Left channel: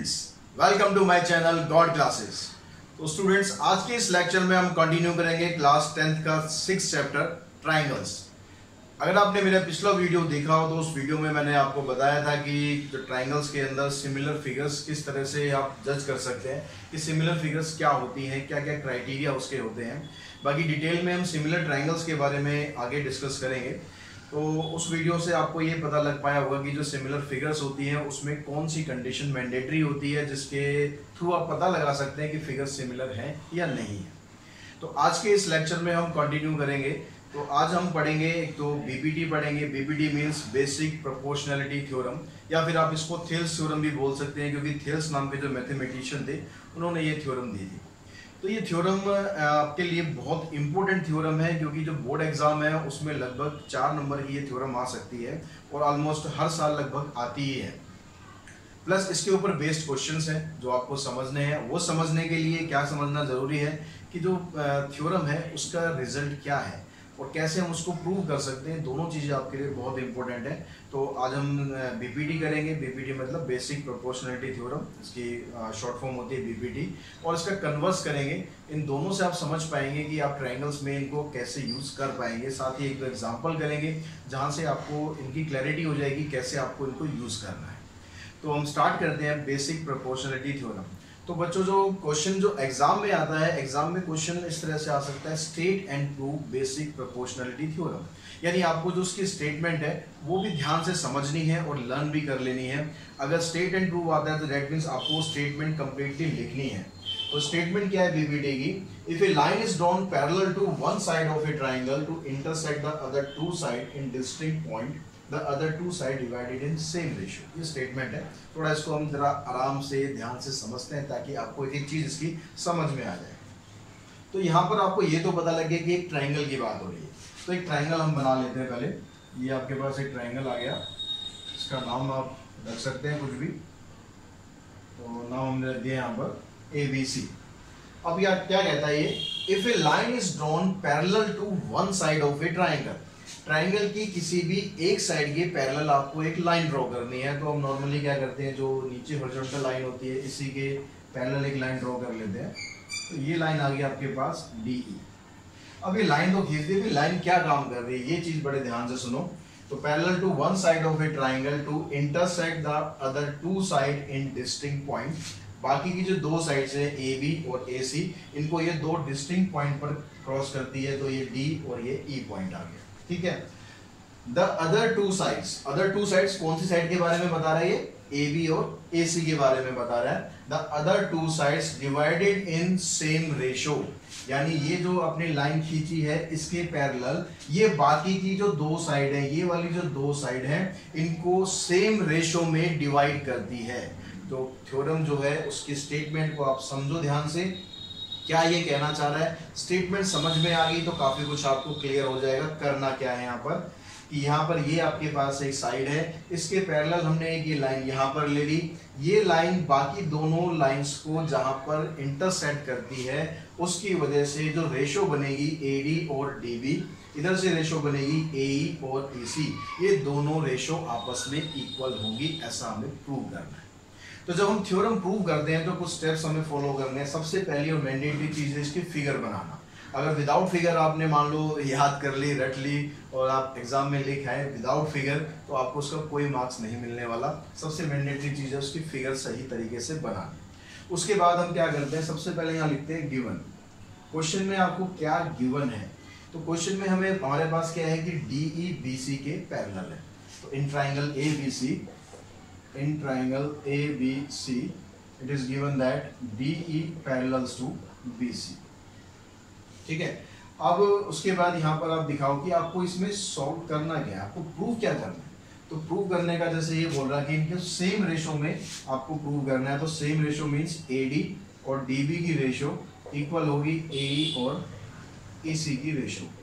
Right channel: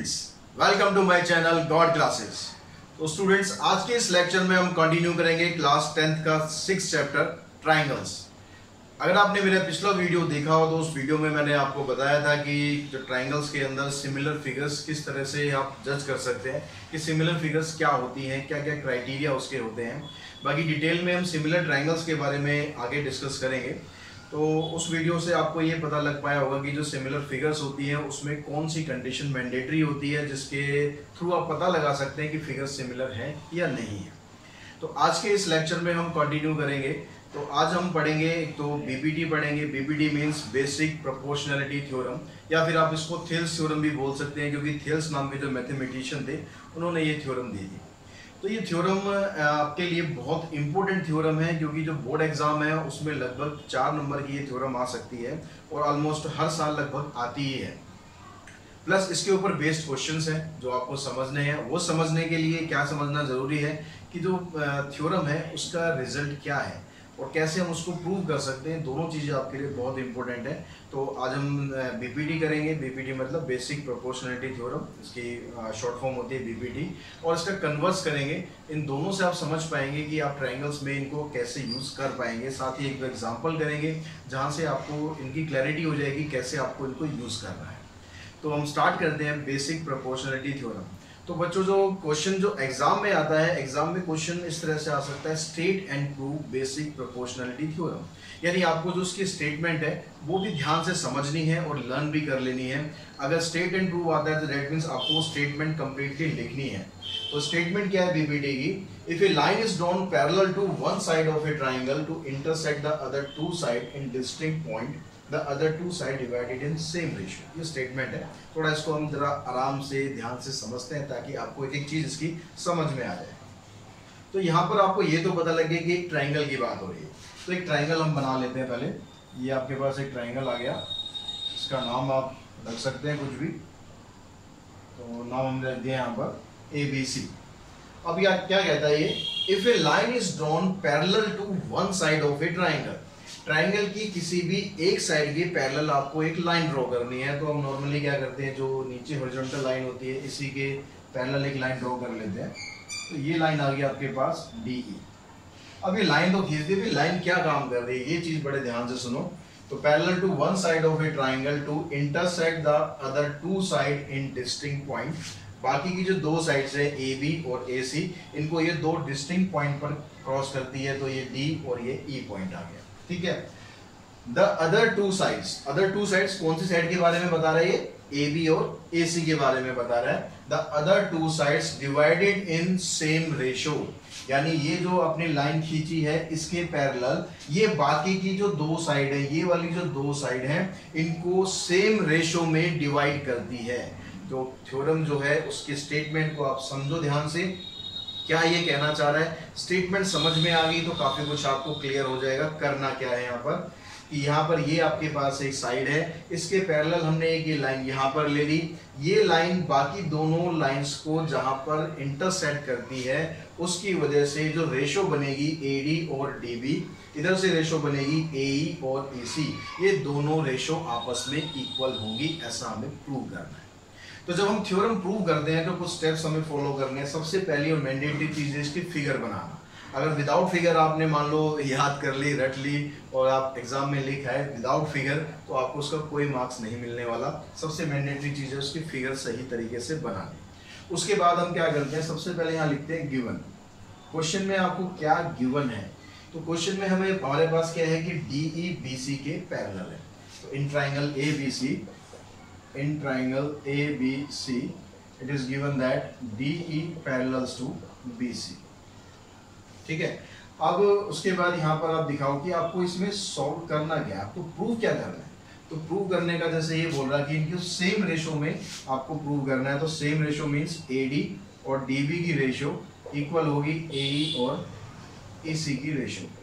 Students, welcome to my channel God Classes. तो students, आज के इस लेक्चर में हम कंटिन्यू करेंगे क्लास 10th का 6th चैप्टर ट्राइंगल्स। अगर आपने मेरा पिछला वीडियो देखा हो तो उस वीडियो में मैंने आपको बताया था कि जो ट्राइंगल्स के अंदर सिमिलर फिगर्स किस तरह से आप जज कर सकते हैं कि सिमिलर फिगर्स क्या होती हैं, क्या क्या क्राइटेरिया उसके होते हैं। बाकी डिटेल में हम सिमिलर ट्राइंगल्स के बारे में आगे डिस्कस करेंगे। तो उस वीडियो से आपको ये पता लग पाया होगा कि जो सिमिलर फिगर्स होती हैं उसमें कौन सी कंडीशन मैंडेटरी होती है जिसके थ्रू आप पता लगा सकते हैं कि फिगर्स सिमिलर हैं या नहीं है। तो आज के इस लेक्चर में हम कंटिन्यू करेंगे। तो आज हम पढ़ेंगे, एक तो बीपीटी पढ़ेंगे। BPT means basic proportionality theorem, या फिर आप इसको थेल्स थ्योरम भी बोल सकते हैं, क्योंकि थेल्स नाम के जो मैथमेटिशियन थे उन्होंने ये थ्योरम दी थी। तो ये थ्योरम आपके लिए बहुत इंपॉर्टेंट थ्योरम है, क्योंकि जो बोर्ड एग्जाम है उसमें लगभग 4 नंबर की ये थ्योरम आ सकती है और ऑलमोस्ट हर साल लगभग आती ही है। प्लस इसके ऊपर बेस्ड क्वेश्चंस हैं जो आपको समझने हैं। वो समझने के लिए क्या समझना जरूरी है कि जो थ्योरम है उसका रिजल्ट क्या है और कैसे हम उसको प्रूव कर सकते हैं। दोनों चीज़ें आपके लिए बहुत इंपॉर्टेंट है। तो आज हम बीपीटी करेंगे। बीपीटी मतलब बेसिक प्रोपोर्शनैलिटी थ्योरम, इसकी शॉर्ट फॉर्म होती है बीपीटी, और इसका कन्वर्स करेंगे। इन दोनों से आप समझ पाएंगे कि आप ट्रायंगल्स में इनको कैसे यूज़ कर पाएंगे। साथ ही एक एग्जाम्पल करेंगे जहाँ से आपको इनकी क्लैरिटी हो जाएगी कैसे आपको इनको यूज़ करना है। तो हम स्टार्ट करते हैं बेसिक प्रोपोर्शनैलिटी थ्योरम। तो बच्चों, जो क्वेश्चन जो एग्जाम में आता है, एग्जाम में क्वेश्चन इस तरह से आ सकता है, state and prove basic proportionality theorem. यानी आपको जो उसकी स्टेटमेंट है वो भी ध्यान से समझनी है और लर्न भी कर लेनी है। अगर स्टेट एंड प्रूव आता है तो दैट मीन्स आपको स्टेटमेंट कंप्लीटली लिखनी है। तो स्टेटमेंट क्या है बीपीटी की? If a line is drawn parallel to one side of a triangle to intersect the other two side in distinct point, the other two side divided in same ratio। ये statement है। थोड़ा इसको हम जरा आराम से ध्यान से समझते हैं ताकि आपको एक एक चीज इसकी समझ में आ जाए। तो यहाँ पर आपको ये तो पता लगे कि एक ट्राइंगल की बात हो रही है। तो एक ट्राइंगल हम बना लेते हैं पहले। ये आपके पास एक ट्राइंगल आ गया, इसका नाम आप रख सकते हैं कुछ भी। तो नाम हमने रख दिया यहाँ पर ABC। अब यह क्या कहता है ये? If a line is drawn parallel to one side of a triangle, triangle की किसी भी एक साइड के पैरेलल आपको एक लाइन ड्रॉ करनी है। तो हम नॉर्मली क्या करते हैं, जो नीचे हॉरिजॉन्टल लाइन होती है इसी के पैरेलल एक लाइन ड्रॉ कर लेते हैं। तो ये लाइन आ गई आपके पास DE। अब ये लाइन तो खींच दी, फिर लाइन क्या काम कर रही है ये चीज बड़े ध्यान से सुनो। तो parallel to one side of a triangle to intersect the other two side in distinct point. बाकी की जो दो साइड्स है AB और AC, इनको ये दो डिस्टिंक्ट पॉइंट पर क्रॉस करती है। तो ये D और ये E पॉइंट आ गया, ठीक है। द अदर टू साइड्स कौन सी साइड के बारे में बता रहा है ये? AB और AC के बारे में बता रहा है। The other two sides divided in same ratio, यानी ये जो अपनी लाइन खींची है इसके पैरेलल ये बाकी की जो दो साइड है, ये वाली जो दो साइड है, इनको सेम रेशो में डिवाइड करती है। तो थ्योरम जो है उसके स्टेटमेंट को आप समझो ध्यान से, क्या ये कहना चाह रहा है। स्टेटमेंट समझ में आ गई तो काफी कुछ आपको क्लियर हो जाएगा। करना क्या है यहाँ पर कि यहाँ पर ये आपके पास एक साइड है, इसके पैरेलल हमने एक ये लाइन यहाँ पर ले ली। ये लाइन बाकी दोनों लाइंस को जहाँ पर इंटरसेक्ट करती है उसकी वजह से जो रेशो बनेगी AD और DB, इधर से रेशो बनेगी AE और AC, ये दोनों रेशो आपस में इक्वल होगी, ऐसा हमें प्रूव करना है। तो जब हम थ्योरम प्रूव करते हैं तो कुछ स्टेप्स हमें फॉलो करने हैं। सबसे पहली और मैंडेटरी चीज है इसकी फिगर बनाना। अगर विदाउट फिगर आपने मान लो याद कर ली, रट ली और आप एग्जाम में लिखा है विदाउट फिगर, तो आपको उसका कोई मार्क्स नहीं मिलने वाला। सबसे मैंडेटरी चीज है उसकी फिगर सही तरीके से बनानी। उसके बाद हम क्या करते हैं, सबसे पहले यहाँ लिखते हैं गिवन। क्वेश्चन में आपको क्या गिवन है? तो क्वेश्चन में हमारे पास क्या है कि DE BC के पैरेलल है। तो in triangle ABC it is given that DE parallels to BC, ठीक है। अब उसके बाद यहाँ पर आप दिखाओ कि आपको इसमें सॉल्व करना क्या है, आपको प्रूव क्या करना है। तो प्रूव करने का जैसे ये बोल रहा कि इनके सेम रेशो में आपको प्रूव करना है। तो सेम रेशो मींस AD और DB की रेशो इक्वल होगी AE और AC की रेशो।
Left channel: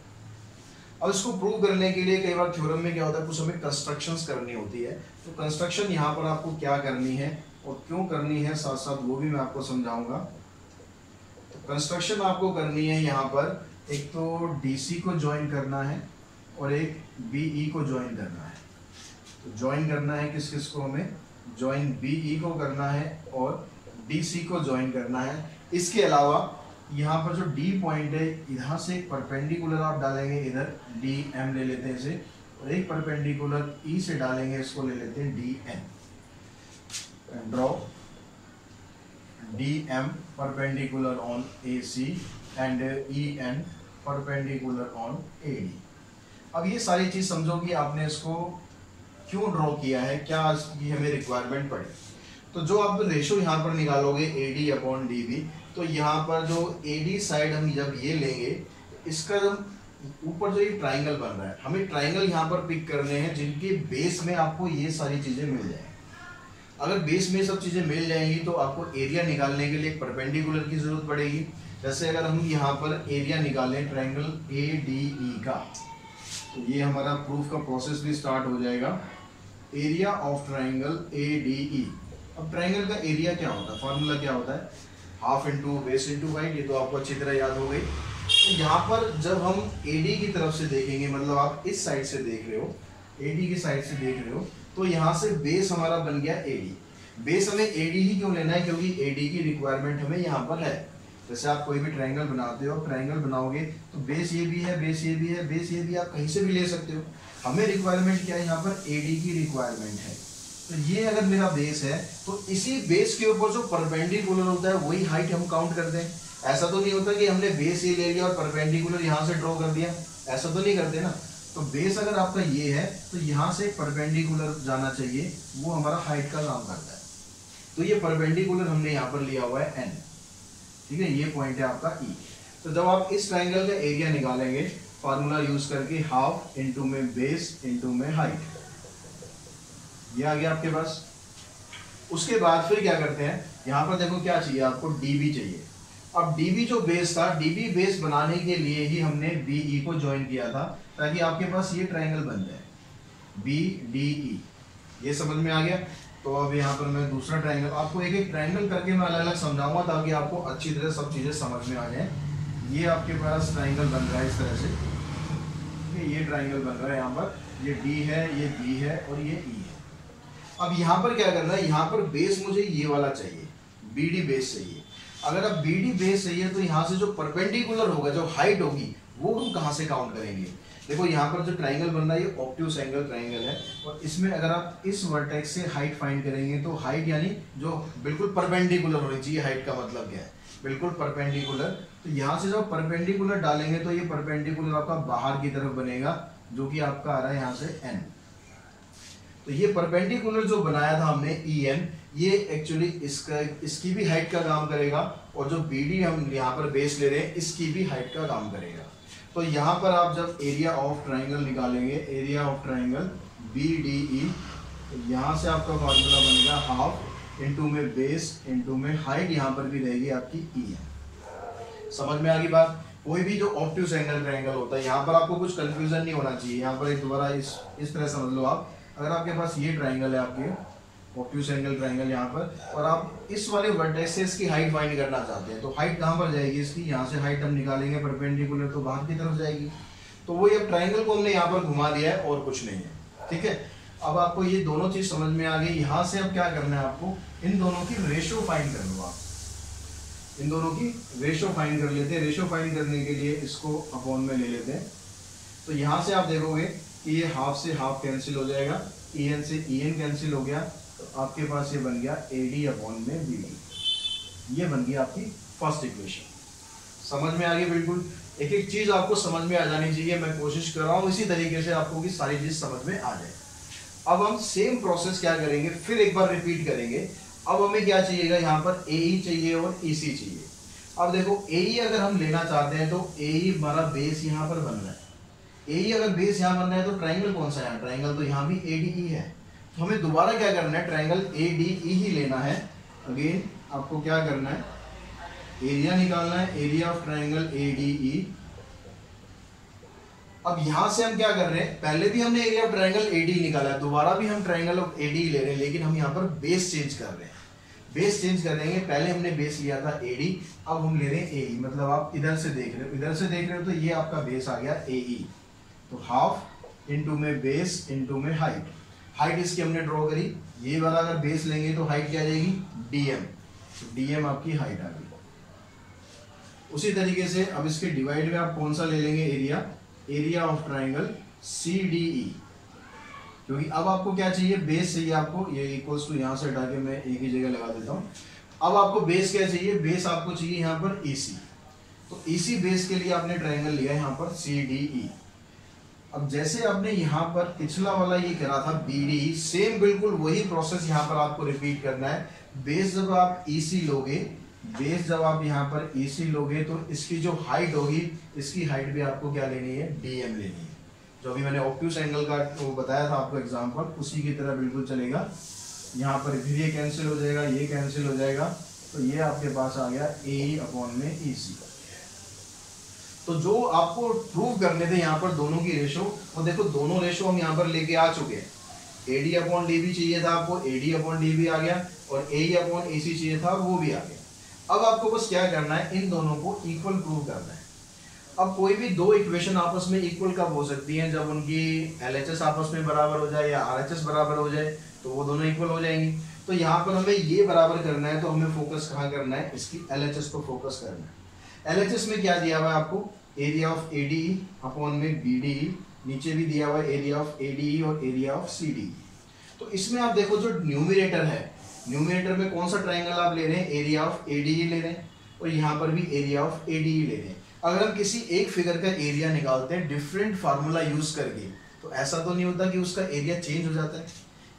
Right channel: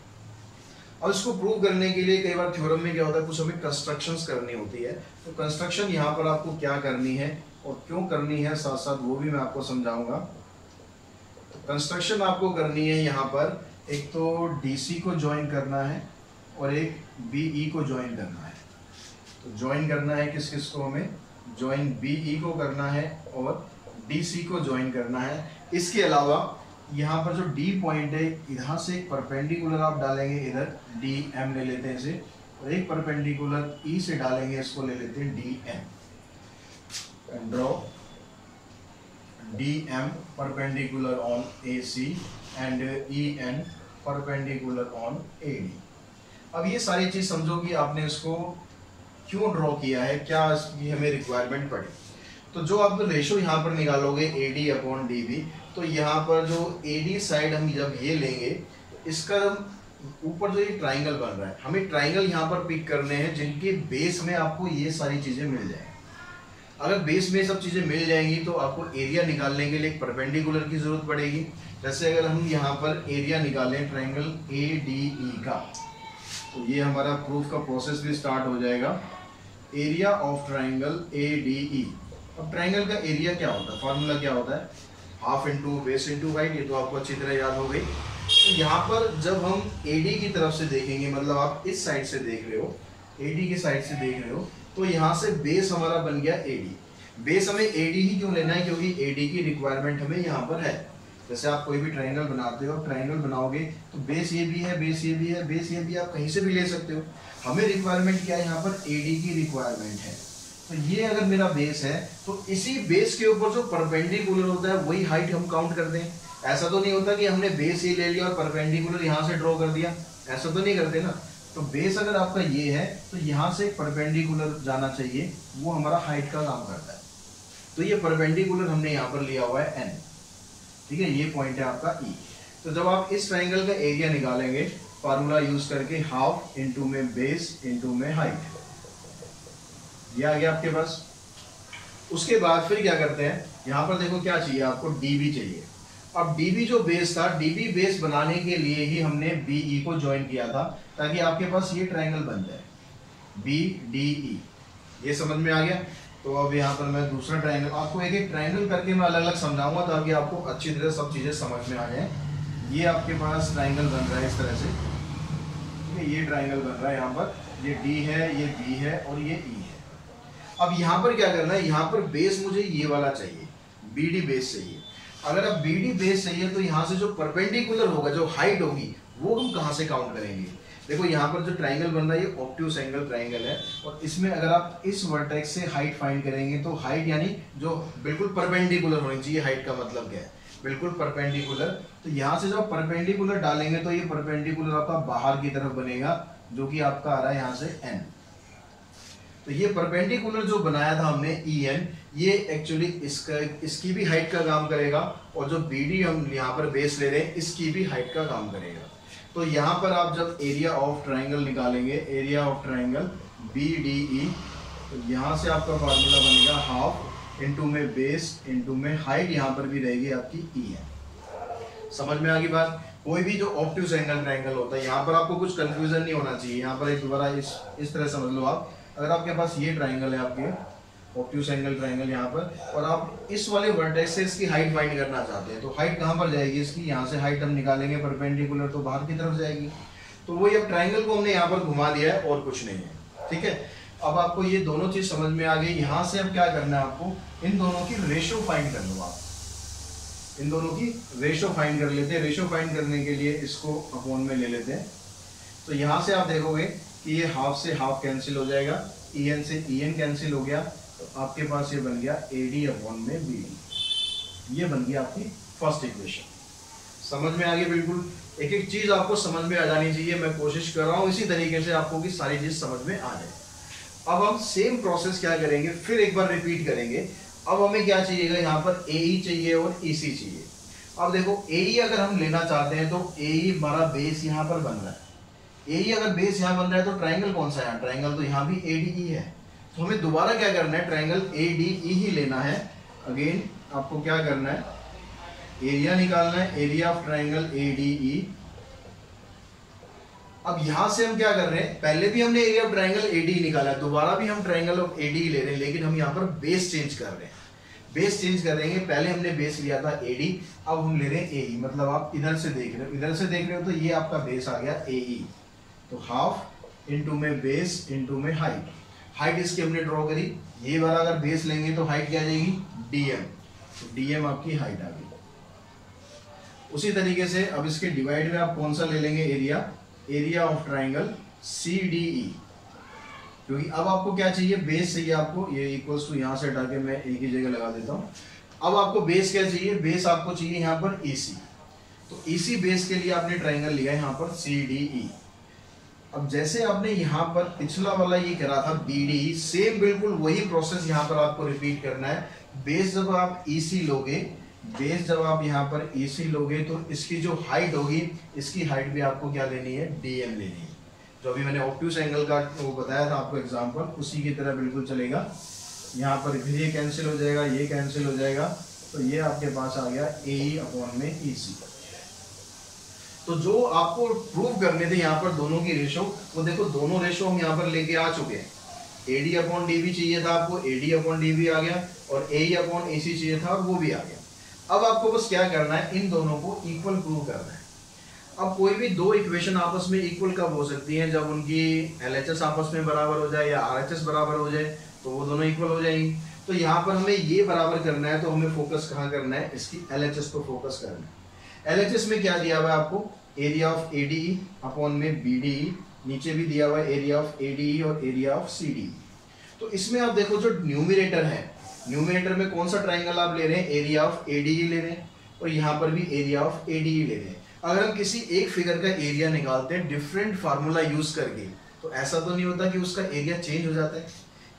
अब इसको प्रूव करने के लिए कई बार थ्योरम में क्या होता है, कुछ हमें कंस्ट्रक्शंस करनी होती है। तो कंस्ट्रक्शन यहाँ पर आपको क्या करनी है और क्यों करनी है, साथ साथ वो भी मैं आपको समझाऊंगा। तो कंस्ट्रक्शन आपको करनी है यहाँ पर, एक तो DC को ज्वाइन करना है और एक BE को ज्वाइन करना है। तो ज्वाइन करना है किस किस को हमें? ज्वाइन BE को करना है और DC को ज्वाइन करना है। इसके अलावा यहाँ पर जो D पॉइंट है, इधर से एक परपेंडिकुलर आप डालेंगे, इधर DM ले लेते हैं इसे, और एक परपेंडिकुलर E से डालेंगे, इसको ले लेते हैं DM। Draw DM perpendicular on AC and EN perpendicular on AD। अब ये सारी चीज समझो कि आपने इसको क्यों ड्रॉ किया है, क्या इसकी हमें रिक्वायरमेंट पड़ी। तो जो आप रेशो यहाँ पर निकालोगे AD अपॉन DB, तो यहाँ पर जो AD साइड हम जब ये लेंगे, इसका ऊपर जो ये ट्राइंगल बन रहा है, हमें ट्राइंगल यहाँ पर पिक करने हैं जिनके बेस में आपको ये सारी चीजें मिल जाएंगी। अगर बेस में सब चीजें मिल जाएंगी तो आपको एरिया निकालने के लिए एक परपेंडिकुलर की जरूरत पड़ेगी। जैसे अगर हम यहाँ पर एरिया निकालें ट्राइंगल ADE का, तो ये हमारा प्रूफ का प्रोसेस भी स्टार्ट हो जाएगा। Area of triangle ADE। अब ट्राइंगल का एरिया क्या होता है, फॉर्मूला क्या होता है, half into base into height. ये तो आपको अच्छी तरह याद हो गई। तो यहाँ पर जब हम AD की तरफ से देखेंगे, मतलब आप इस साइड से देख रहे हो, AD की साइड से देख रहे हो, तो यहाँ से बेस हमारा बन गया AD। बेस हमें AD ही क्यों लेना है, क्योंकि AD की रिक्वायरमेंट हमें यहाँ पर है। जैसे आप कोई भी ट्राइंगल बनाते हो, ट्राइंगल बनाओगे तो बेस ये भी है, बेस ये भी है, बेस ये भी, आप कहीं से भी ले सकते हो। हमें रिक्वायरमेंट क्या है, यहाँ पर AD की रिक्वायरमेंट है। तो ये अगर मेरा बेस है तो इसी बेस के ऊपर जो परपेंडिकुलर होता है वही हाइट हम काउंट करते हैं। ऐसा तो नहीं होता कि हमने बेस ये ले लिया और परपेंडिकुलर यहाँ से ड्रॉ कर दिया, ऐसा तो नहीं करते ना। तो बेस अगर आपका ये है तो यहाँ से परपेंडिकुलर जाना चाहिए, वो हमारा हाइट का काम करता है। तो ये परपेंडिकुलर हमने यहाँ पर लिया हुआ है N, ठीक है, ये पॉइंट है आपका E। तो जब आप इस ट्राइंगल का एरिया निकालेंगे फार्मूला यूज करके, हाफ इंटू में बेस इंटू में हाइट, ये आ गया आपके पास। उसके बाद फिर क्या करते हैं, यहाँ पर देखो क्या चाहिए आपको, DB चाहिए। अब DB जो बेस था, DB बेस बनाने के लिए ही हमने BE को ज्वाइन किया था, ताकि आपके पास ये ट्राइंगल बन जाए BDE। ये समझ में आ गया। तो अब यहाँ पर मैं दूसरा ट्राइंगल, आपको एक एक ट्राइंगल करके मैं अलग अलग समझाऊंगा ताकि आपको अच्छी तरह सब चीजें समझ में आ जाए। ये आपके पास ट्राइंगल बन रहा है इस तरह से, ठीक है, ये ट्राइंगल बन रहा है यहाँ पर, ये D है, ये B है और ये E है। अब यहाँ पर क्या करना है, यहाँ पर बेस मुझे ये वाला चाहिए, BD बेस चाहिए। अगर अब BD बेस चाहिए तो यहाँ से जो परपेंडिकुलर होगा, जो हाइट होगी, वो हम कहाँ से काउंट करेंगे। देखो यहाँ पर जो ट्राइंगल बन रहा है ये ऑब्ट्यूज एंगल ट्राइंगल है, और इसमें अगर आप इस वर्टेक्स से हाइट फाइंड करेंगे तो हाइट यानी जो बिल्कुल परपेंडिकुलर होनी चाहिए। हाइट का मतलब क्या है, बिल्कुल परपेंडिकुलर। तो यहाँ से जब परपेंडिकुलर डालेंगे तो ये परपेंडिकुलर आपका बाहर की तरफ बनेगा, जो कि आपका आ रहा है यहाँ से N। तो ये परपेंडिकुलर जो बनाया था हमने EN, ये एक्चुअली इसकी भी हाइट का काम करेगा, और जो BD हम यहाँ पर बेस ले रहे हैं इसकी भी हाइट का काम करेगा। तो यहाँ पर आप जब एरिया ऑफ ट्राइंगल निकालेंगे, एरिया ऑफ ट्राइंगल BDE, तो यहाँ से आपका फॉर्मूला बनेगा हाफ इंटू में बेस इंटू में हाइट, यहाँ पर भी रहेगी आपकी EN। समझ में आ गई बात। कोई भी जो ऑब्ट्यूज एंगल ट्राइंगल होता है, यहाँ पर आपको कुछ कंफ्यूजन नहीं होना चाहिए। यहाँ पर एक दोबारा इस तरह समझ लो आप, अगर आपके पास ये ट्राइंगल है, आपके ऑब्ट्यूज एंगल ट्राइंगल यहाँ पर, और आप इस वाले वर्टेक्स से इसकी हाइट फाइंड करना चाहते हैं, तो हाइट कहाँ पर जाएगी इसकी, यहाँ से हाइट हम निकालेंगे परपेंडिकुलर, तो बाहर की तरफ जाएगी। तो वही अब ट्राइंगल को हमने यहाँ पर घुमा दिया है और कुछ नहीं है, ठीक है। अब आपको ये दोनों चीज समझ में आ गई। यहाँ से अब क्या करना है आपको, इन दोनों की रेशो फाइंड कर लो। आप इन दोनों की रेशो फाइंड कर लेते हैं। रेशो फाइंड करने के लिए इसको अपॉन में ले लेते हैं। तो यहाँ से आप देखोगे कि ये हाफ से हाफ कैंसिल हो जाएगा, EN से EN कैंसिल हो गया, तो आपके पास ये बन गया AD अपॉन में BD। ये बन गया आपकी फर्स्ट इक्वेशन। समझ में आ गई बिल्कुल। एक एक चीज आपको समझ में आ जानी चाहिए। मैं कोशिश कर रहा हूँ इसी तरीके से आपको कि सारी चीज समझ में आ जाए। अब हम सेम प्रोसेस क्या करेंगे, फिर एक बार रिपीट करेंगे। अब हमें क्या चाहिएगा, यहाँ पर AE चाहिए और EC चाहिए। अब देखो AE अगर हम लेना चाहते हैं तो AE हमारा बेस यहाँ पर बन रहा है। AE अगर बेस यहाँ बन रहा है तो ट्राइंगल कौन सा है, ट्राइंगल तो यहाँ भी ADE है। तो हमें दोबारा क्या करना है, ट्राइंगल ADE ही लेना है। अगेन आपको क्या करना है, एरिया निकालना है, एरिया ऑफ ट्राइंगल ADE। अब यहां से हम क्या कर रहे हैं, पहले भी हमने एरिया ऑफ ट्राइंगल ADE निकाला है, दोबारा भी हम ट्राइंगल ऑफ ADE ले रहे हैं, लेकिन हम यहाँ पर बेस चेंज कर रहे हैं। बेस चेंज करेंगे, पहले हमने बेस लिया था AD, अब हम ले रहे हैं AE। मतलब आप इधर से देख रहे हो, इधर से देख रहे हो तो ये आपका बेस आ गया AE। तो हाफ इंटू में बेस इंटू में हाइट। हाइट इसकी हमने ड्रॉ करी, ये वाला अगर बेस लेंगे तो हाइट क्या आ जाएगी dm, तो dm आपकी हाइट आ गई। उसी तरीके से अब इसके डिवाइड में आप कौन सा ले लेंगे, एरिया ऑफ ट्राइंगल CDE, क्योंकि अब आपको क्या चाहिए, बेस चाहिए आपको, ये इक्वल्स टू यहां से हटा के मैं एक ही जगह लगा देता हूं। अब आपको बेस क्या चाहिए, बेस आपको चाहिए यहाँ पर EC, तो EC बेस के लिए आपने ट्राइंगल लिया यहाँ पर CDE। अब जैसे आपने यहाँ पर पिछला वाला ये करा था BDE, सेम बिल्कुल वही प्रोसेस यहाँ पर आपको रिपीट करना है। बेस जब आप EC लोगे, बेस जब आप यहाँ पर EC लोगे तो इसकी जो हाइट होगी, इसकी हाइट भी आपको क्या लेनी है, DM लेनी है। जो अभी मैंने ऑब्ट्यूस एंगल का वो बताया था आपको एग्जांपल, उसी की तरह बिल्कुल चलेगा। यहाँ पर फिर ये कैंसिल हो जाएगा, ये कैंसिल हो जाएगा, तो ये आपके पास आ गया AE अपॉन में EC। तो जो आपको प्रूव करने थे यहाँ पर दोनों की रेशो, वो देखो दोनों रेशो हम यहाँ पर लेके आ चुके हैं। AD अपॉन DB चाहिए था आपको, AD अपॉन DB आ गया, और AE अपॉन AC चाहिए था और वो भी आ गया। अब आपको बस क्या करना है, इन दोनों को इक्वल प्रूव करना है। अब कोई भी दो इक्वेशन आपस में इक्वल कब हो सकती हैं, जब उनकी LHS आपस में बराबर हो जाए या RHS बराबर हो जाए, तो वो दोनों इक्वल हो जाएंगी। तो यहाँ पर हमें ये बराबर करना है, तो हमें फोकस कहाँ करना है, इसकी LHS को फोकस करना है। LHS में क्या दिया हुआ है आपको, एरिया ऑफ ADE अपॉन में BDE, नीचे भी दिया हुआ है एरिया ऑफ ADE और एरिया ऑफ CDE। तो इसमें आप देखो जो न्यूमरेटर है, न्यूमरेटर में कौन सा ट्राइंगल आप ले रहे हैं, एरिया ऑफ ADE ले रहे हैं, और यहाँ पर भी एरिया ऑफ ADE ले रहे हैं। अगर हम किसी एक फिगर का एरिया निकालते हैं डिफरेंट फार्मूला यूज करके, तो ऐसा तो नहीं होता कि उसका एरिया चेंज हो जाता है,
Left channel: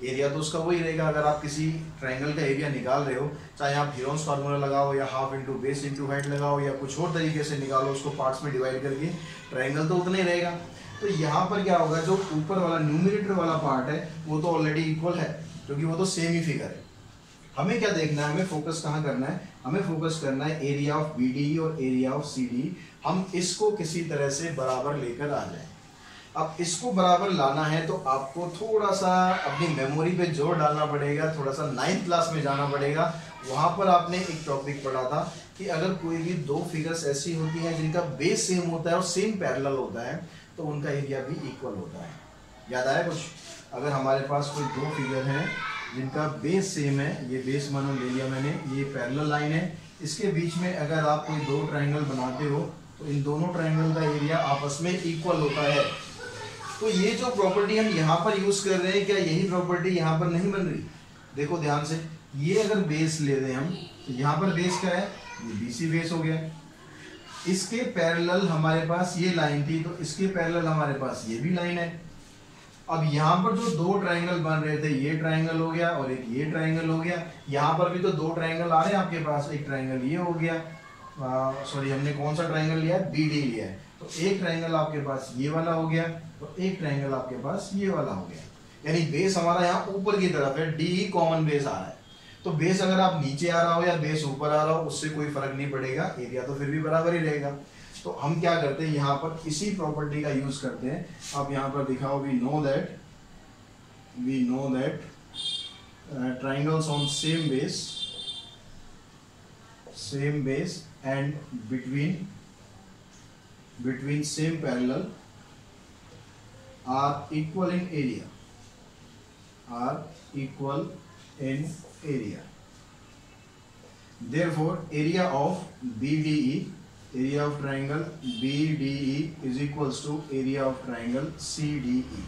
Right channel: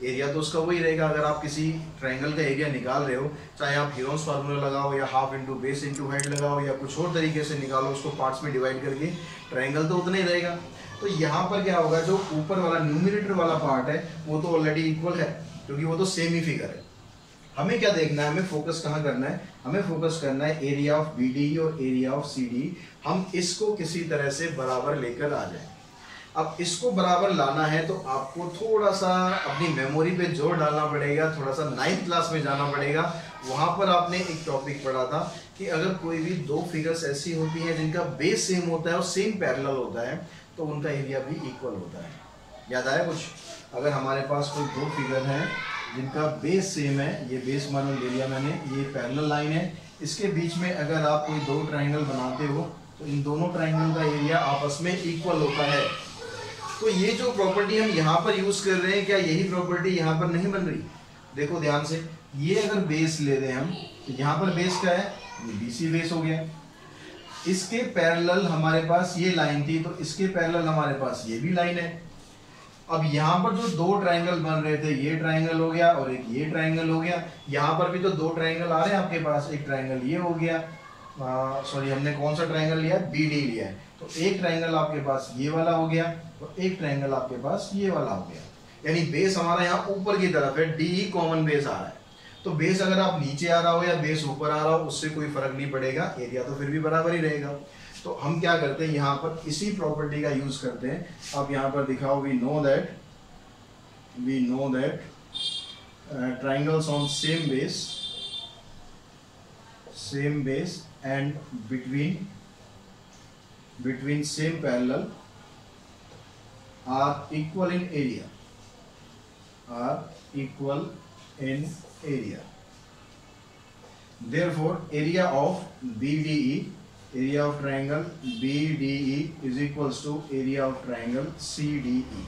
एरिया तो उसका वही रहेगा। अगर आप किसी ट्राइंगल का एरिया निकाल रहे हो, चाहे आप हीरोन्स फार्मूला लगाओ या half into base into height लगाओ या कुछ और तरीके से निकालो उसको पार्ट्स में डिवाइड करके, ट्राइंगल तो उतना ही रहेगा। तो यहाँ पर क्या होगा, जो ऊपर वाला न्यूमरेटर वाला पार्ट है वो तो ऑलरेडी इक्वल है, क्योंकि वो तो सेम ही फिगर है। हमें क्या देखना है, हमें फोकस कहाँ करना है, हमें फोकस करना है एरिया ऑफ BDE और एरिया ऑफ CDE। हम इसको किसी तरह से बराबर लेकर आ जाए। अब इसको बराबर लाना है तो आपको थोड़ा सा अपनी मेमोरी पे जोर डालना पड़ेगा, थोड़ा सा 9th क्लास में जाना पड़ेगा। वहां पर आपने एक टॉपिक पढ़ा था कि अगर कोई भी दो फिगर्स ऐसी होती हैं जिनका बेस सेम होता है और सेम पैरेलल होता है, तो उनका एरिया भी इक्वल होता है। याद आया कुछ? अगर हमारे पास कोई दो फिगर हैं जिनका बेस सेम है, ये बेस मानो ले लिया मैंने, ये पैरेलल लाइन है, इसके बीच में अगर आप कोई दो ट्राइंगल बनाते हो तो इन दोनों ट्राइंगल का एरिया आपस में इक्वल होता है। तो ये जो प्रॉपर्टी हम यहाँ पर यूज कर रहे हैं, क्या यही प्रॉपर्टी यहाँ पर नहीं बन रही? देखो ध्यान से, ये अगर बेस ले रहे हैं हम, तो यहाँ पर बेस क्या है, ये BC बेस हो गया। इसके पैरेलल हमारे पास ये लाइन थी, तो इसके पैरेलल हमारे पास ये भी लाइन है। अब यहाँ पर जो दो ट्राइंगल बन रहे थे, ये ट्राइंगल हो गया और एक ये ट्राइंगल हो गया। यहाँ पर भी तो दो ट्राइंगल आ रहे हैं आपके पास, एक ट्राइंगल ये हो गया, सॉरी हमने कौन सा ट्राइंगल लिया, BD लिया है। तो एक ट्राइंगल आपके पास ये वाला हो गया और एक ट्राइंगल आपके पास ये वाला हो गया। यानी बेस हमारा यहाँ ऊपर की तरफ है, DE कॉमन बेस आ रहा है। तो बेस अगर आप नीचे आ रहा हो या बेस ऊपर आ रहा हो, उससे कोई फर्क नहीं पड़ेगा, एरिया तो फिर भी बराबर ही रहेगा। तो हम क्या करते हैं, यहाँ पर इसी प्रॉपर्टी का यूज करते हैं। आप यहाँ पर दिखाओ, we know that triangles on same base and between same parallel are equal in area. Therefore, area of BDE, area of triangle BDE is equals to area of triangle CDE.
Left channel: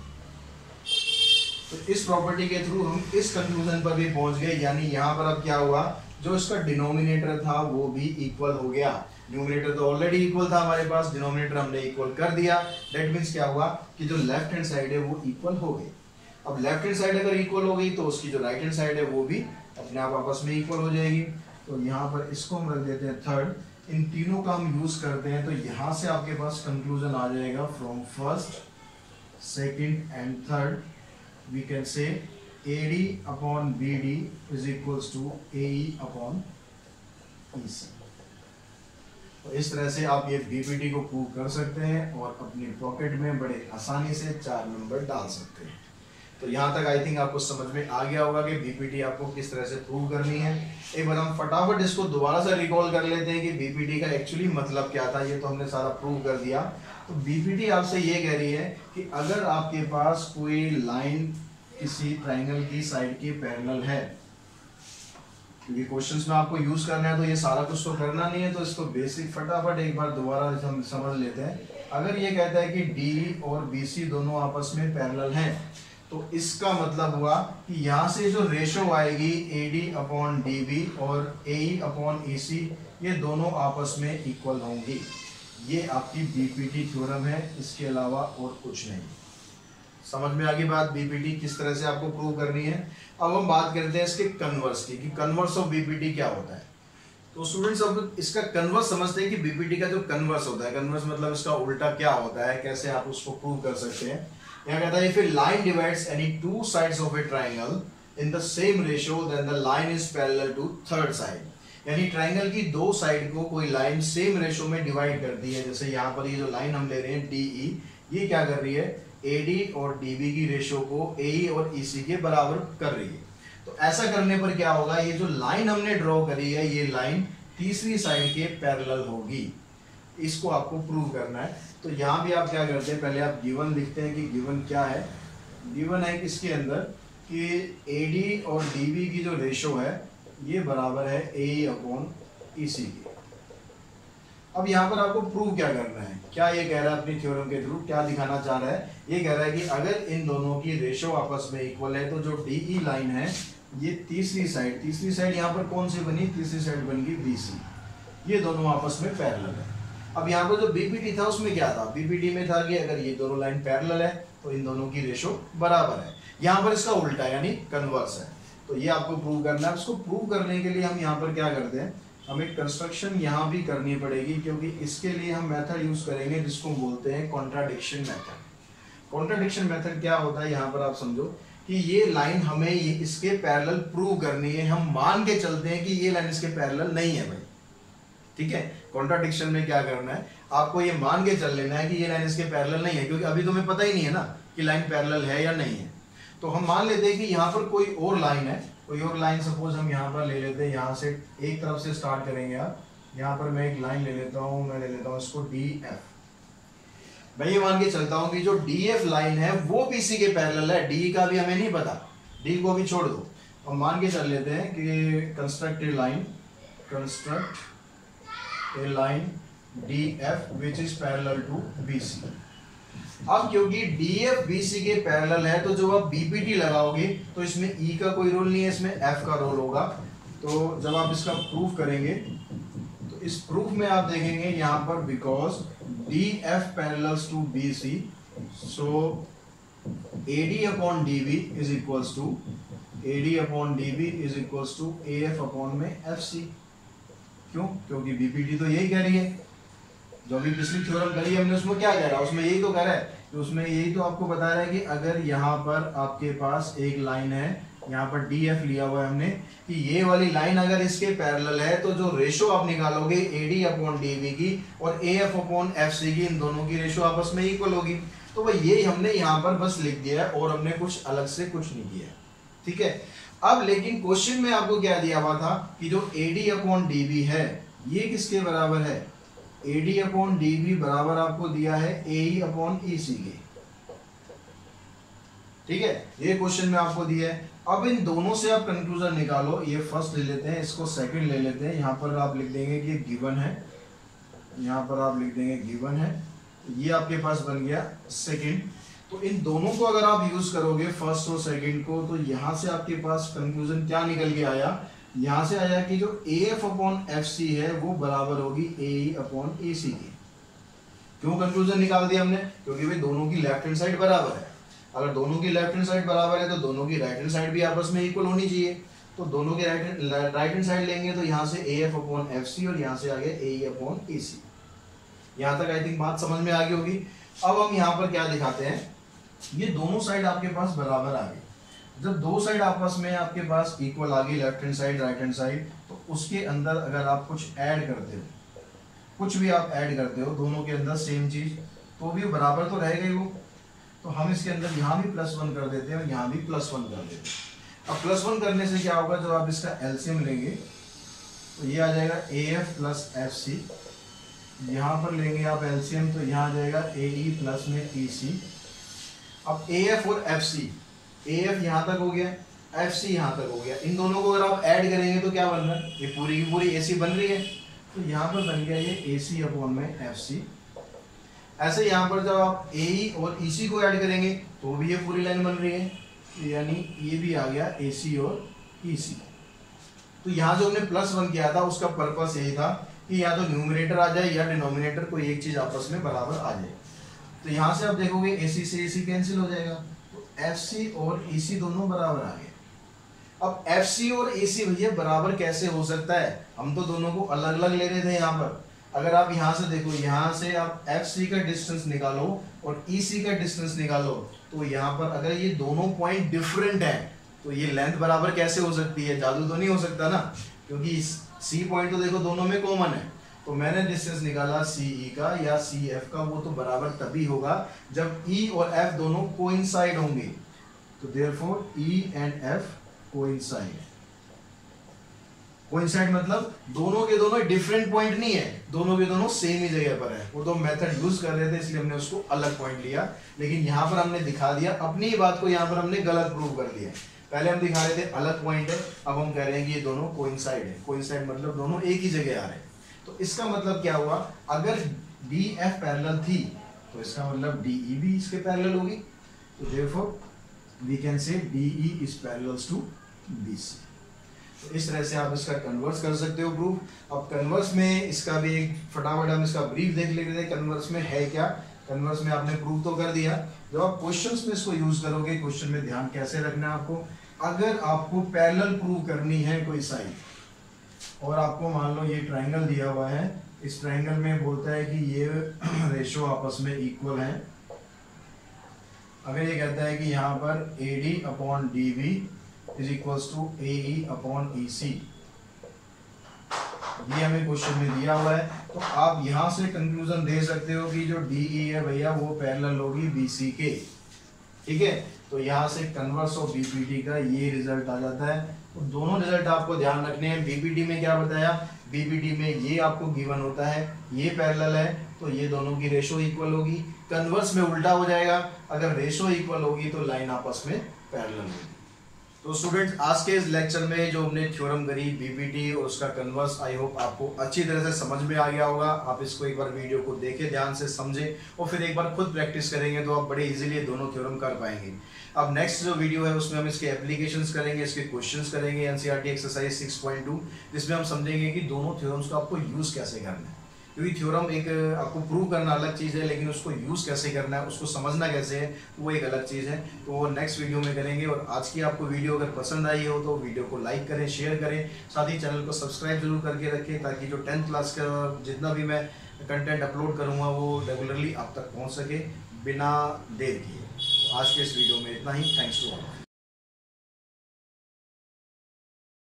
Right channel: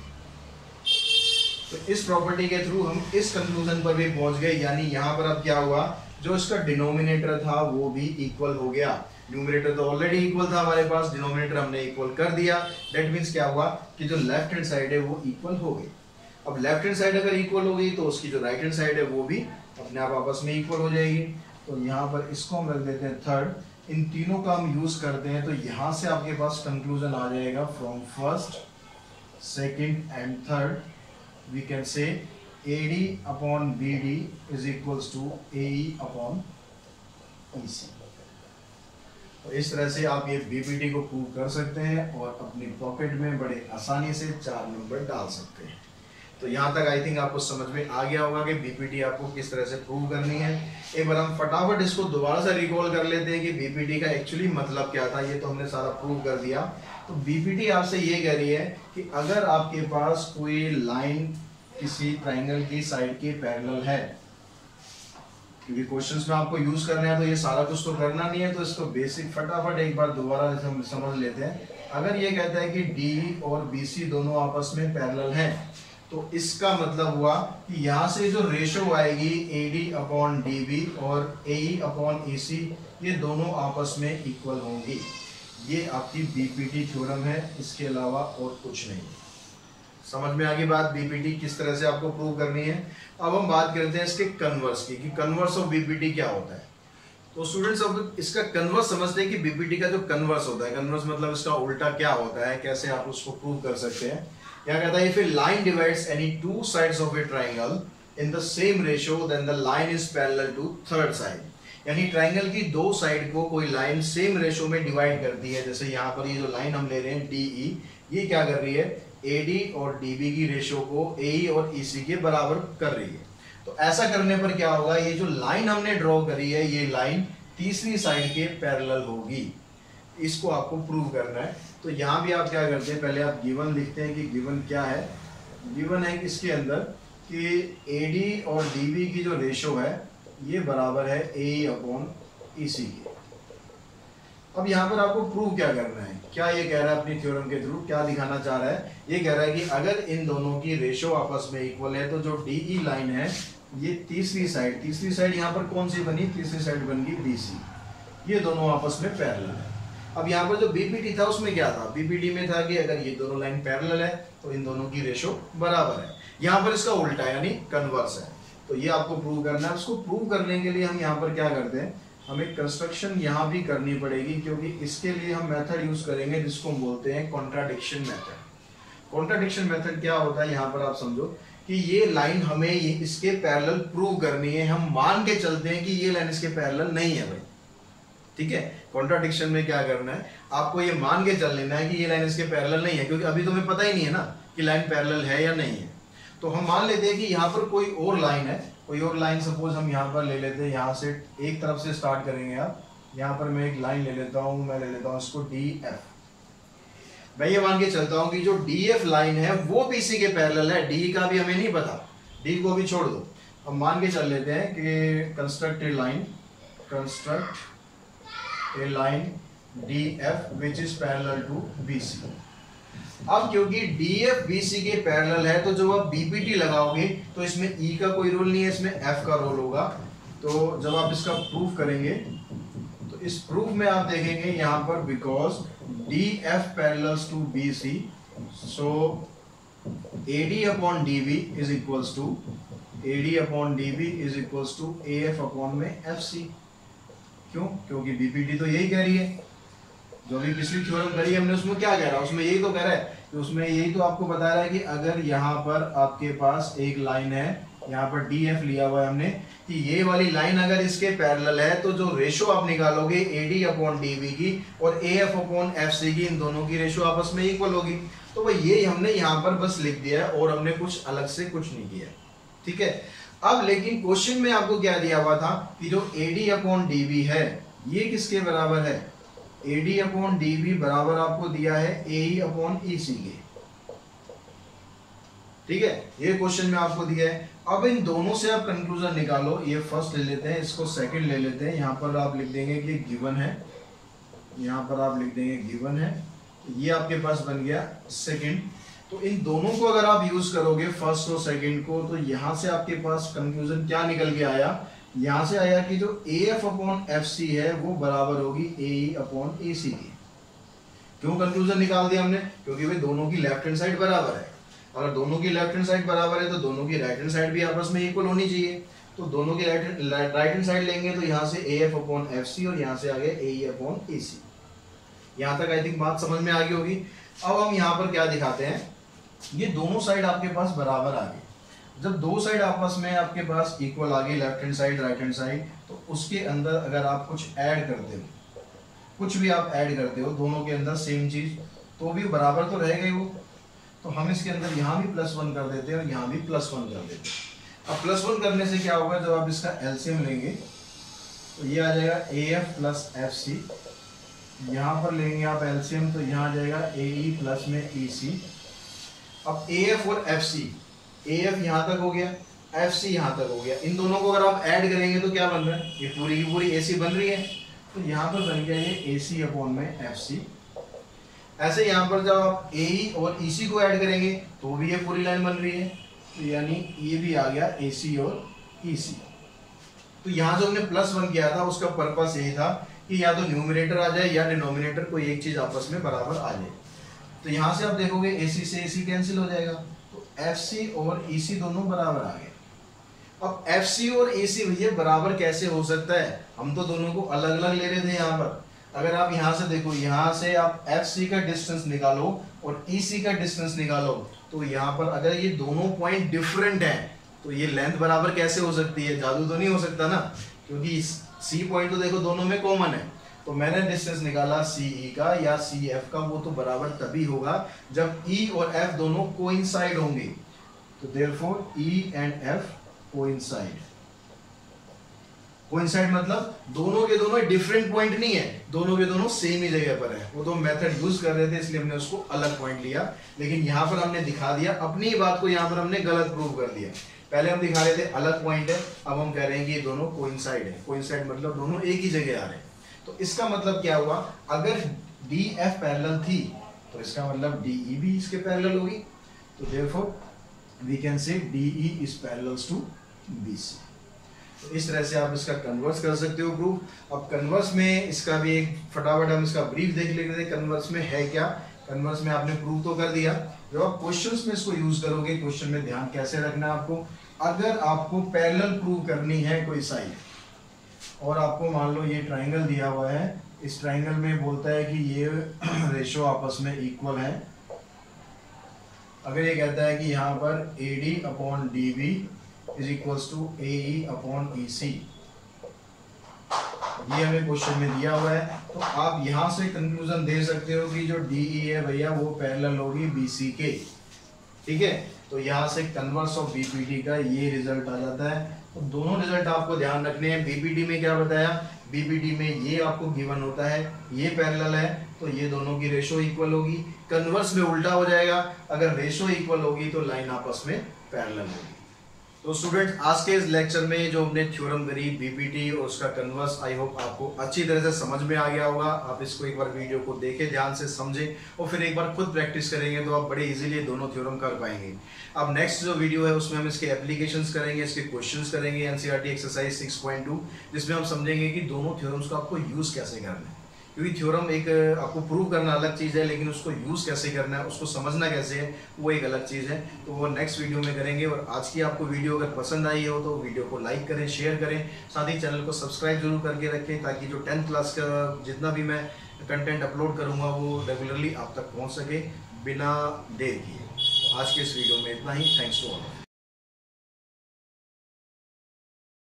तो इस property के through हम इस conclusion पर भी पहुंच गए। यानी यहाँ पर अब क्या हुआ, जो इसका डिनोमिनेटर था वो भी इक्वल हो गया। न्यूमरेटर तो ऑलरेडी इक्वल था हमारे पास, डिनोमिनेटर हमने इक्वल कर दिया। दैट मीन्स क्या हुआ कि जो लेफ्ट हैंड साइड है वो इक्वल हो गई। अब लेफ्ट हैंड साइड अगर इक्वल हो गई तो उसकी जो राइट हैंड साइड है वो भी अपने आप आपस में इक्वल हो जाएगी। तो यहाँ पर इसको हम रख देते हैं थर्ड। इन तीनों का हम यूज करते हैं तो यहाँ से आपके पास कंक्लूजन आ जाएगा, from first, second and third we can say AD upon BD is equals to AE upon EC। तो इस तरह से आप ये BPT को प्रूव कर सकते हैं और अपनी पॉकेट में बड़े आसानी से 4 नंबर डाल सकते हैं। तो यहाँ तक आई थिंक आपको समझ में आ गया होगा कि BPT आपको किस तरह से प्रूव करनी है। एक बार हम फटाफट इसको दोबारा से रिकॉल कर लेते हैं कि BPT का एक्चुअली मतलब क्या था। ये तो हमने सारा प्रूव कर दिया। तो BPT आपसे ये कह रही है कि अगर आपके पास कोई लाइन किसी ट्राइंगल की साइड के पैरेलल है, क्योंकि क्वेश्चंस में आपको यूज करना है तो ये सारा कुछ तो करना नहीं है, तो इसको बेसिक फटाफट एक बार दोबारा हम समझ लेते हैं। अगर ये कहता है कि डी और बीसी दोनों आपस में पैरेलल हैं, तो इसका मतलब हुआ कि यहाँ से जो रेशो आएगी AD अपॉन DB और AE अपॉन AC, ये दोनों आपस में इक्वल होंगी। ये आपकी बीपीटी थ्योरम है, इसके अलावा और कुछ नहीं। समझ में आ गई बात, बीपीटी किस तरह से आपको प्रूव करनी है। अब हम बात करते हैं इसके कन्वर्स की, कि कन्वर्स ऑफ बीपीटी क्या होता है। तो स्टूडेंट्स अब इसका कन्वर्स समझते हैं कि बीपीटी का जो कन्वर्स होता है, कन्वर्स मतलब इसका उल्टा क्या होता है, कैसे आप उसको प्रूव कर सकते हैं। यहाँ कहता है if a line divides any two sides of a triangle in the same ratio then the line is parallel to third side. यानी ट्राइंगल की दो साइड को कोई लाइन सेम रेशियो में डिवाइड करती है। जैसे यहाँ पर ये जो लाइन हम ले रहे हैं DE, ये क्या कर रही है, AD और DB की रेशियो को AE और EC के बराबर कर रही है। तो ऐसा करने पर क्या होगा, ये जो लाइन हमने ड्रॉ करी है, ये लाइन तीसरी साइड के पैरेलल होगी। इसको आपको प्रूव करना है। तो यहाँ भी आप क्या करते हैं, पहले आप गिवन लिखते हैं कि गिवन क्या है। गिवन है इसके अंदर कि AD और DB की जो रेशियो है ये बराबर है AE अपॉन EC की। अब यहाँ पर आपको प्रूव क्या करना है, क्या ये कह रहा है अपनी थ्योरम के थ्रू, क्या दिखाना चाह रहा है, ये कह रहा है कि अगर इन दोनों की रेशियो आपस में इक्वल है तो जो DE लाइन है ये तीसरी साइड यहाँ पर कौन सी बनी, तीसरी साइड बन गई BC, ये दोनों आपस में पैरेलल है। अब यहाँ पर जो बीपीटी था उसमें क्या था, बीपीटी में था कि अगर ये दोनों लाइन पैरेलल है तो इन दोनों की रेशियो बराबर है। यहाँ पर इसका उल्टा यानी कन्वर्स है। तो ये आपको प्रूव करना है। उसको प्रूव करने के लिए हम यहाँ पर क्या करते हैं, हमें कंस्ट्रक्शन यहाँ भी करनी पड़ेगी, क्योंकि इसके लिए हम मेथड यूज करेंगे जिसको बोलते हैं कॉन्ट्राडिक्शन मेथड। कॉन्ट्राडिक्शन मेथड क्या होता है, यहाँ पर आप समझो कि ये लाइन हमें ये इसके पैरेलल प्रूव करनी है। हम मान के चलते हैं कि ये लाइन इसके पैरेलल नहीं है भाई, ठीक है। कॉन्ट्राडिक्शन में क्या करना है, आपको ये मान के चल लेना है कि ये लाइन इसके पैरेलल नहीं है, क्योंकि अभी तुम्हें पता ही नहीं है ना कि लाइन पैरेलल है या नहीं है। तो हम मान लेते हैं कि यहाँ पर कोई और लाइन है, कोई और लाइन सपोज हम यहाँ पर ले लेते हैं, यहाँ से एक तरफ से स्टार्ट करेंगे आप। यहाँ पर मैं एक लाइन ले लेता हूँ, मैं ले लेता हूँ इसको DF। मैं ये मान के चलता हूँ कि जो DF लाइन है वो BC के पैरेलल है। D का भी हमें नहीं पता, D को भी छोड़ दो। अब मान के चल लेते हैं कि construct a line DF which is parallel to BC। अब क्योंकि DF BC के पैरेलल है तो जब आप BPT लगाओगे तो इसमें E का कोई रोल नहीं है, इसमें F का रोल होगा। तो जब आप इसका प्रूफ करेंगे तो इस प्रूफ में आप देखेंगे यहाँ पर because DF parallels to BC, so AD upon DB is equals to AF upon में FC। क्यों, क्योंकि BPT तो यही कह रही है, जो भी पिछली थ्योरम करी है हमने उसमें क्या कह रहा है, उसमें यही तो कह रहा है कि उसमें यही तो आपको बता रहा है कि अगर यहाँ पर आपके पास एक लाइन है, यहाँ पर DF लिया हुआ है हमने, कि ये वाली लाइन अगर इसके पैरेलल है तो जो रेशो आप निकालोगे AD अपॉन DB की और AF अपॉन FC की, इन दोनों की रेशो आपस में इक्वल होगी। तो भाई ये हमने यहाँ पर बस लिख दिया है और हमने कुछ अलग से कुछ नहीं किया, ठीक है। अब लेकिन क्वेश्चन में आपको क्या दिया हुआ था कि जो AD अपॉन DB है ये किसके बराबर है, AD अपॉन DB बराबर आपको दिया है AE अपॉन EC के, ठीक है। ये क्वेश्चन में आपको दिया है। अब इन दोनों से आप कंक्लूजन निकालो। ये फर्स्ट ले लेते हैं, इसको सेकंड ले लेते हैं। यहाँ पर आप लिख देंगे कि गिवन है, यहाँ पर आप लिख देंगे गिवन है, ये आपके पास बन गया सेकंड। तो इन दोनों को अगर आप यूज करोगे फर्स्ट और सेकंड को, तो यहाँ से आपके पास कंक्लूजन क्या निकल के आया, यहाँ से आया कि जो AF अपॉन FC है वो बराबर होगी AE अपॉन AC की। क्यों कंक्लूजन निकाल दिया हमने, क्योंकि वे दोनों की लेफ्ट हैंड साइड बराबर है। अगर दोनों की लेफ्ट हैंड साइड बराबर है तो दोनों की राइट हैंड साइड भी आपस में इक्वल होनी चाहिए। तो दोनों की राइट हैंड साइड लेंगे तो यहाँ से AF अपॉन FC और यहाँ से आ गया AE अपॉन EC। यहाँ तक आई थिंक बात समझ में आ गई होगी। अब हम यहाँ पर क्या दिखाते हैं, ये दोनों साइड आपके पास बराबर आ गई। जब दो साइड आपस में आपके पास इक्वल आ गई, left hand side right hand side, तो उसके अंदर अगर आप कुछ ऐड करते हो, कुछ भी आप ऐड करते हो दोनों के अंदर सेम चीज, तो भी बराबर तो रहेगा ही वो। तो हम इसके अंदर यहाँ भी +1 कर देते हैं और यहाँ भी +1 कर देते हैं। अब +1 करने से क्या होगा, जब आप इसका एलसीएम लेंगे तो ये आ जाएगा AF प्लस FC। यहाँ पर लेंगे आप एलसीएम तो यहाँ आ जाएगा AE प्लस में EC। अब AF और FC AF यहाँ तक हो गया, FC यहाँ तक हो गया। इन दोनों को अगर आप ऐड करेंगे तो क्या बन रहा है, ये पूरी की पूरी AC बन रही है। तो यहाँ पर बन गया ये AC अपॉन में FC। ऐसे यहाँ पर जब आप AE और EC को ऐड करेंगे तो भी ये पूरी लाइन बन रही है, तो यानी ये भी आ गया AC और EC। तो यहाँ जो हमने +1 किया था उसका पर्पस यही था कि या तो न्यूमरेटर आ जाए या डिनोमिनेटर कोई एक चीज आपस में बराबर आ जाए। तो यहाँ से आप देखोगे AC से AC कैंसिल हो जाएगा, तो FC और EC दोनों बराबर आ गए। अब FC और AC भैया बराबर कैसे हो सकता है, हम तो दोनों को अलग अलग ले रहे थे। यहाँ पर अगर आप यहाँ से देखो, यहाँ से आप FC का डिस्टेंस निकालो और EC का डिस्टेंस निकालो, तो यहाँ पर अगर ये दोनों पॉइंट डिफरेंट हैं तो ये लेंथ बराबर कैसे हो सकती है, जादू तो नहीं हो सकता ना, क्योंकि C पॉइंट तो देखो दोनों में कॉमन है। तो मैंने डिस्टेंस निकाला CE का या CF का, वो तो बराबर तभी होगा जब E और F दोनों कोइंसाइड होंगे। तो therefore E and F coincide. Coincide मतलब दोनों के दोनों डिफरेंट पॉइंट नहीं है, दोनों के दोनों सेम ही जगह पर है। वो तो मेथड यूज कर रहे थे इसलिए हमने उसको अलग पॉइंट लिया, लेकिन यहाँ पर हमने दिखा दिया अपनी ही बात को, यहाँ पर हमने गलत प्रूव कर दिया। पहले हम दिखा रहे थे अलग पॉइंट है, अब हम कह रहे हैं कि ये दोनों कोइंसाइड है। कोइंसाइड मतलब दोनों एक ही जगह आ रहे हैं। तो इसका मतलब क्या हुआ, अगर DF पैरेलल थी तो इसका मतलब DE भी इसके पैरेलल होगी। तो therefore we can say DE is parallels to BC। तो इस तरह से आप इसका कन्वर्स कर सकते हो प्रूफ। अब कन्वर्स में इसका भी एक फटाफट हम इसका ब्रीफ देख लेते थे, कन्वर्स में है क्या। कन्वर्स में आपने प्रूव तो कर दिया, जब आप क्वेश्चंस में इसको यूज करोगे, क्वेश्चन में ध्यान कैसे रखना है आपको, अगर आपको पैरेलल प्रूव करनी है कोई साइड और आपको मान लो ये ट्राइंगल दिया हुआ है, इस ट्राइंगल में बोलता है कि ये रेशो आपस में इक्वल है। अगर ये कहता है कि यहाँ पर AD upon DB is equals to AE upon EC, ये हमें क्वेश्चन में दिया हुआ है, तो आप यहाँ से कंक्लूजन दे सकते हो कि जो DE है भैया वो पैरेलल होगी BC के। ठीक है, तो यहाँ से कन्वर्स ऑफ BPD का ये रिजल्ट आ जाता है। तो दोनों रिजल्ट आपको ध्यान रखने हैं। BPD में क्या बताया, BPD में ये आपको गिवन होता है, ये पैरेलल है तो ये दोनों की रेशो इक्वल होगी। कन्वर्स में उल्टा हो जाएगा, अगर रेशो इक्वल होगी तो लाइन आपस में पैरेलल होगी। तो स्टूडेंट्स, आज के इस लेक्चर में जो हमने थ्योरम करी BPD और उसका कन्वर्स, आई होप आपको अच्छी तरह से समझ में आ गया होगा। आप इसको एक बार वीडियो को देखें, ध्यान से समझें और फिर एक बार खुद प्रैक्टिस करेंगे तो आप बड़े इजीली दोनों थ्योरम कर पाएंगे। अब नेक्स्ट जो वीडियो है उसमें हम इसके एप्लीकेशंस करेंगे, इसके क्वेश्चंस करेंगे, NCERT एक्सरसाइज 6.2, जिसमें हम समझेंगे कि दोनों थ्योरम्स को आपको यूज कैसे करना है। क्योंकि थ्योरम एक आपको प्रूव करना अलग चीज़ है, लेकिन उसको यूज़ कैसे करना है, उसको समझना कैसे है, वो एक अलग चीज़ है। तो वो नेक्स्ट वीडियो में करेंगे। और आज की आपको वीडियो अगर पसंद आई हो तो वीडियो को लाइक करें, शेयर करें, साथ ही चैनल को सब्सक्राइब जरूर करके रखें, ताकि जो 10th क्लास का जितना भी मैं कंटेंट अपलोड करूँगा वो रेगुलरली आप तक पहुँच सके बिना देर किए। तो आज के इस वीडियो में इतना ही। Thanks to all.